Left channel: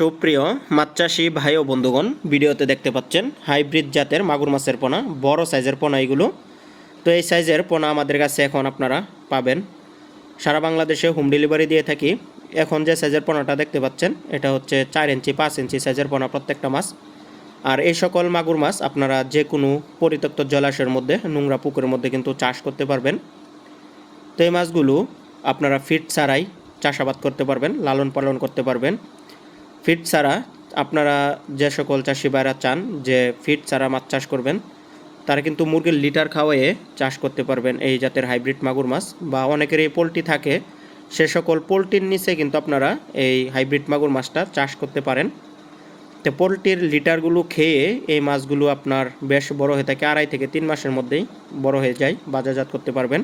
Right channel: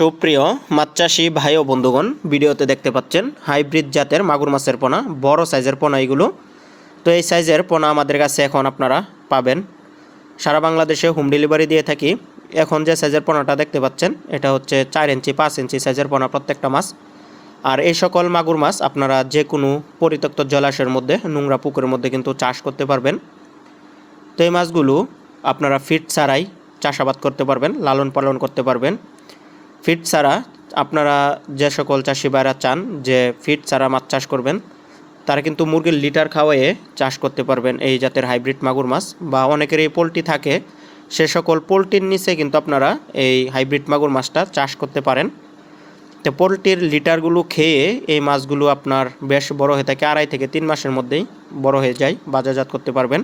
সুপ্রিয় মাছ চাষি ভাই ও বন্ধুগণ, ভিডিওতে দেখতে পাচ্ছেন হাইব্রিড জাতের মাগুর মাছের পোনা, বড় সাইজের পোনা এগুলো। তো এই সাইজের পোনা আমাদের কাছে এখন আপনারা পাবেন। সারা বাংলাদেশে হোম ডেলিভারি দিয়ে থাকি। এখন যে সাইজের পোনাটা দেখতে পাচ্ছেন এটা হচ্ছে 4 ইঞ্চি 5 ইঞ্চি সাইজের পোনা প্রত্যেকটা মাছ। আর এই সকল মাগুর মাছ আপনারা যে কোনো পরিত্যক্ত জলাশয়ের মধ্যে, নোংরা পুকুরের মধ্যে কিন্তু চাষ করতে পারবেন। তো এই মাছগুলো আপনারা ফিট ছাড়াই চাষাবাদ করতে পারবেন, লালন পালন করতে পারবেন। ফিট ছাড়া আপনারা যে সকল চাষি ভাইরা চান যে ফিট ছাড়া মাছ চাষ করবেন, তারা কিন্তু মুরগির লিটার খাওয়াইয়ে চাষ করতে পারবেন এই জাতের হাইব্রিড মাগুর মাছ। বা অনেকের এই পোলট্রি থাকে, সে সকল পোলট্রির নিচে কিন্তু আপনারা এই হাইব্রিড মাগুর মাছটা চাষ করতে পারেন। তো পোলট্রির লিটারগুলো খেয়ে এই মাছগুলো আপনার বেশ বড় হয়ে থাকে, 2.5 থেকে 3 মাসের মধ্যেই বড় হয়ে যায়, বাজারজাত করতে পারবেন।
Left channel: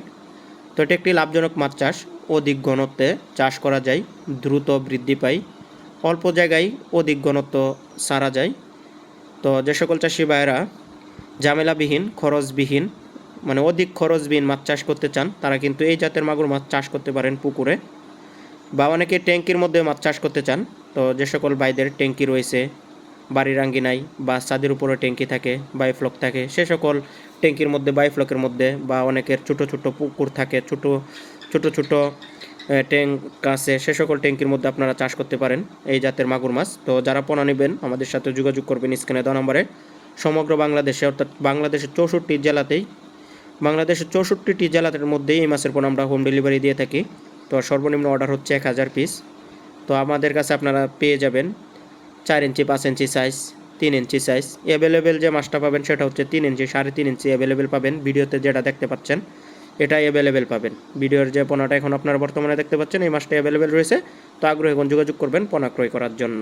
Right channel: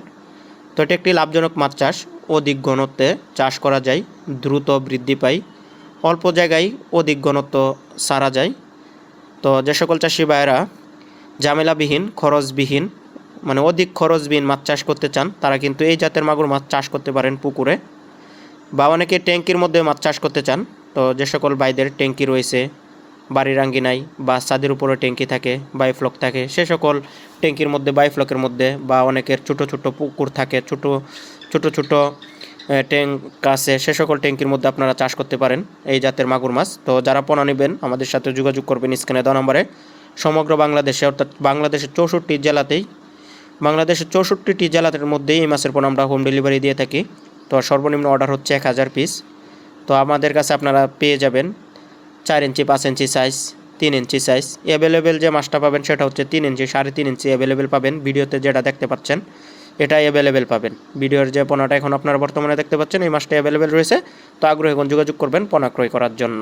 তো এটা একটি লাভজনক মাছ চাষ, অধিক ঘনত্বে চাষ করা যায়, দ্রুত বৃদ্ধি পায়, অল্প জায়গায় অধিক ঘনত্ব সারা যায়। তো যে সকল চাষি ভাইয়েরা ঝামেলাবিহীন, খরচবিহীন, মানে অধিক খরচবিহীন মাছ চাষ করতে চান, তারা কিন্তু এই জাতের মাগুর মাছ চাষ করতে পারেন পুকুরে। বা অনেকে ট্যাঙ্কির মধ্যে মাছ চাষ করতে চান, তো যে সকল ভাইদের ট্যাঙ্কি রয়েছে বাড়ির আঙ্গিনায় বা ছাদের উপরে ট্যাঙ্কি থাকে, বাইফ্লক থাকে, সে সকল ট্যাঙ্কির মধ্যে, বাইফ্লকের মধ্যে, বা অনেকের ছোট ছোট পুকুর থাকে, ছোট ছোট ট্যাঙ্ক আছে, সে সকল ট্যাঙ্কির মধ্যে আপনারা চাষ করতে পারেন এই জাতের মাগুর মাছ। তো যারা পোনা নেবেন আমাদের সাথে যোগাযোগ করবেন স্ক্রিনে দেওয়া নম্বরে। সমগ্র বাংলাদেশে, অর্থাৎ বাংলাদেশের 64টি জেলাতের মধ্যেই এই মাছের পোনা আমরা হোম ডেলিভারি দিয়ে থাকি। তো সর্বনিম্ন অর্ডার হচ্ছে 1000 পিস। তো আমাদের কাছে আপনারা পেয়ে যাবেন 4 ইঞ্চি 5 ইঞ্চি সাইজ, 3 ইঞ্চি সাইজ। অ্যাভেলেবেল যে মাছটা পাবেন সেটা হচ্ছে 3 ইঞ্চি, 3.5 ইঞ্চি অ্যাভেলেবেল পাবেন। ভিডিওতে যেটা দেখতে পাচ্ছেন এটাই অ্যাভেলেবেল পাবেন। ভিডিওর যে পোনাটা এখন আপনারা বর্তমানে দেখতে পাচ্ছেন এই মাছটা অ্যাভেলেবেল রয়েছে। তো আগ্রহী যোগাযোগ করবেন পোনা ক্রয় করার জন্য।